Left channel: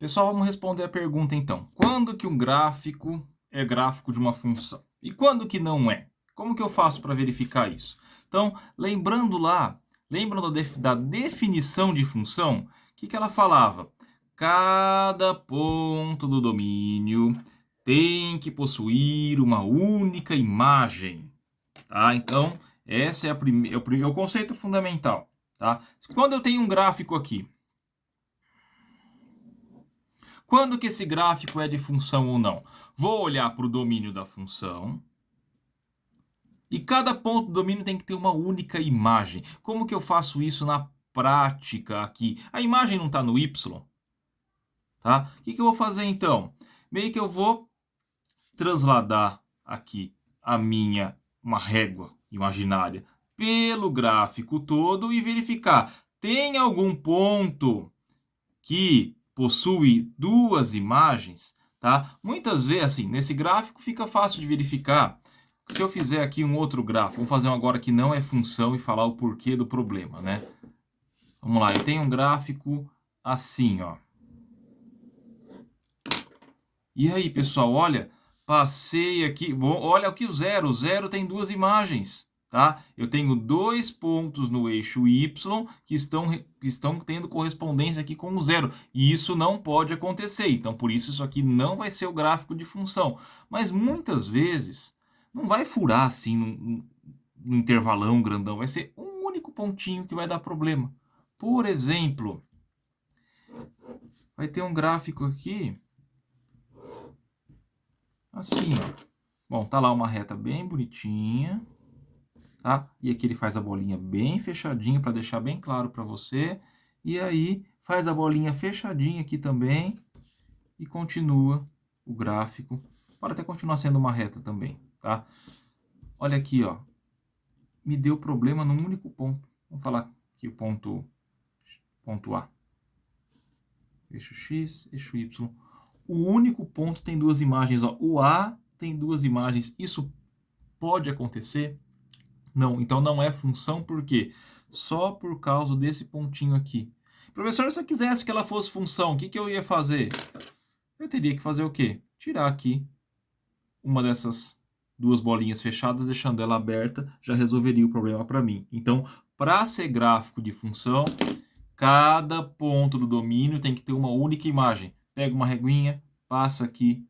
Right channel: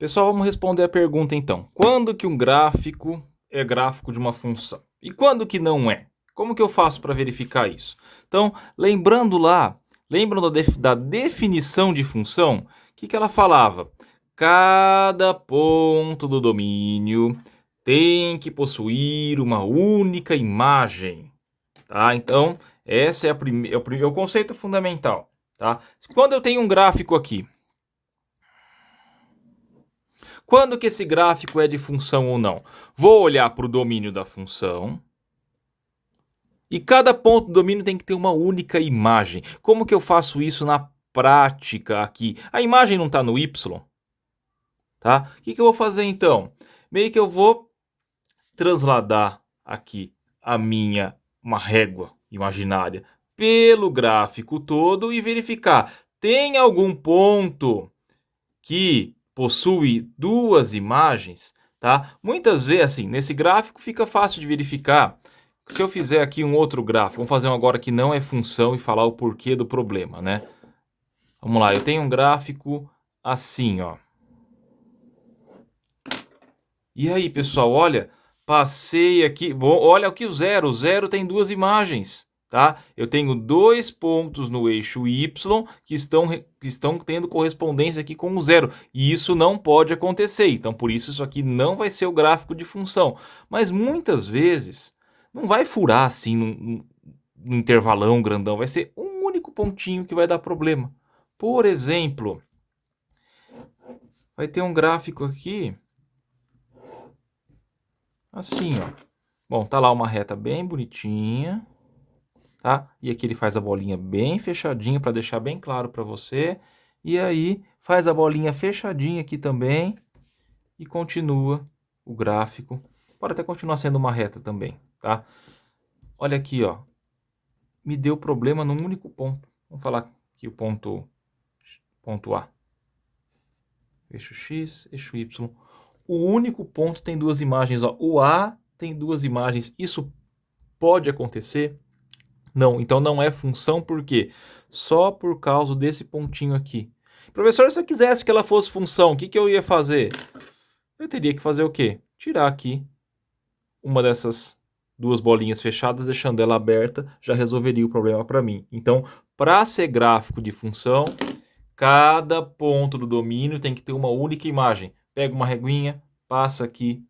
Pessoal, vamos responder a pergunta então. Quando que um gráfico é gráfico de uma função? E quando que não é? Como que eu faço para verificar isso? Então, lembrando lá, lembram da definição de função? O que ela falava? Cada ponto do domínio tem que possuir uma única imagem. Tá? Então, esse é, é o conceito fundamental. Tá? Quando eu tenho um gráfico aqui, quando que esse gráfico é de função ou não? Vou olhar para o domínio da função. E cada ponto do domínio tem que ter uma única imagem. Como que eu faço isso na prática aqui? A imagem não está no Y, tá? O que eu vou fazer então? Meio que eu vou transladar aqui uma régua imaginária pelo gráfico todo e verificar. Tem algum ponto que possui duas imagens, tá? Muitas vezes, assim, nesse gráfico fica fácil de verificar. Se eu fizer aqui um outro gráfico, vamos fazer um agora que não é função e falar o porquê do problema, né? Vamos lá, eu tenho um gráfico assim, ó. E aí, pessoal, olha, passei aqui, bom, olha aqui o zero tem duas imagens, tá? Eu tenho dois pontos no eixo Y que estão tendo correspondência aqui com o zero, e isso não pode acontecer, então por isso aqui não vai ser o gráfico de função. Mas muitas vezes não vai furar assim num intervalão grandão, vai ser um único pontinho que vai dar problema. Por exemplo, vai ter um gráfico aqui assim, ó. Bom, tá lá uma reta bem bonitinha, tá? E aqui ele faz a bolinha bem fechadinha para deixar bem claro para você. E aí faz a bolinha fechadinha aqui também e continua o gráfico. Pode até continuar sendo uma reta também, tá? Olha aqui, ó. Me deu problema num único ponto. Vamos falar aqui o ponto A. Eixo X, eixo Y. O único ponto tem duas imagens, ó. O A tem duas imagens. Isso pode acontecer? Não, então não é função, por quê? Só por causa desse pontinho aqui. Professor, se eu quisesse que ela fosse função, o que eu ia fazer? Eu teria que fazer o quê? Tirar aqui uma dessas duas bolinhas fechadas, deixando ela aberta, já resolveria o problema para mim. Então, para ser gráfico de função, cada ponto do domínio tem que ter uma única imagem. Pega uma reguinha, passa aqui,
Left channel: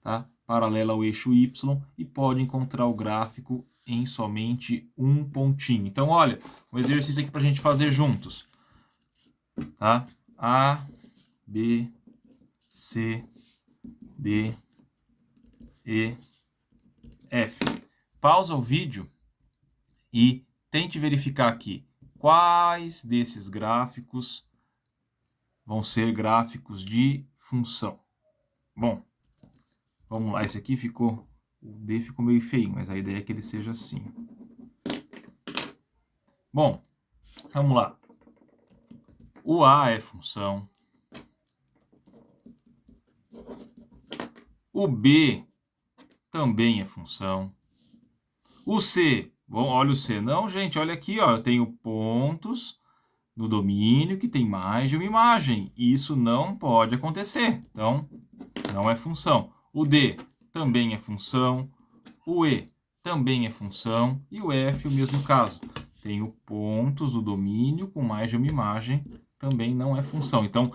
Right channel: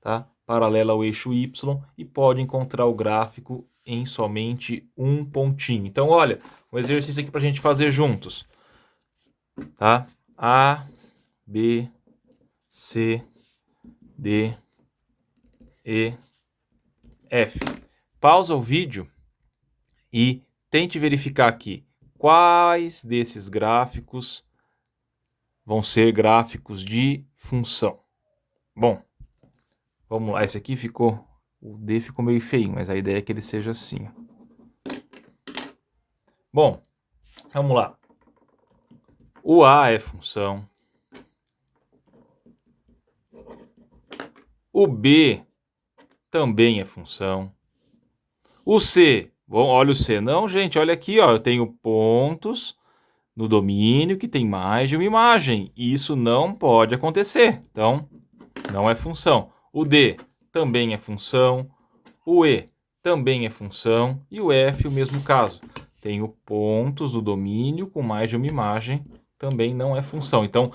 tá? Paralela ao eixo Y e pode encontrar o gráfico em somente um pontinho. Então, olha, um exercício aqui para a gente fazer juntos, tá? A, B, C, D, E, F. Pausa o vídeo e tente verificar aqui quais desses gráficos vão ser gráficos de função. Bom, vamos lá, esse aqui ficou, o D ficou meio feio, mas a ideia é que ele seja assim. Bom, vamos lá. O A é função. O B também é função. O C, bom, olha o C. Não, gente, olha aqui, ó, eu tenho pontos no domínio que tem mais de uma imagem. Isso não pode acontecer. Então, não é função. O D também é função. O E também é função. E o F, o mesmo caso. Tenho pontos do domínio com mais de uma imagem, também não é função. Então,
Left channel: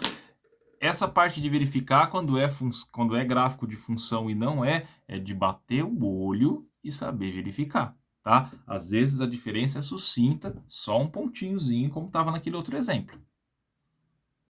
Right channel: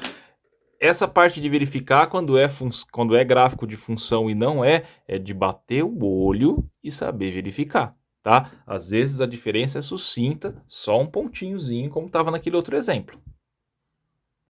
essa parte de verificar quando é gráfico de função e não é de bater o olho e saber verificar, tá? Às vezes a diferença é sucinta, só um pontinhozinho, como estava naquele outro exemplo.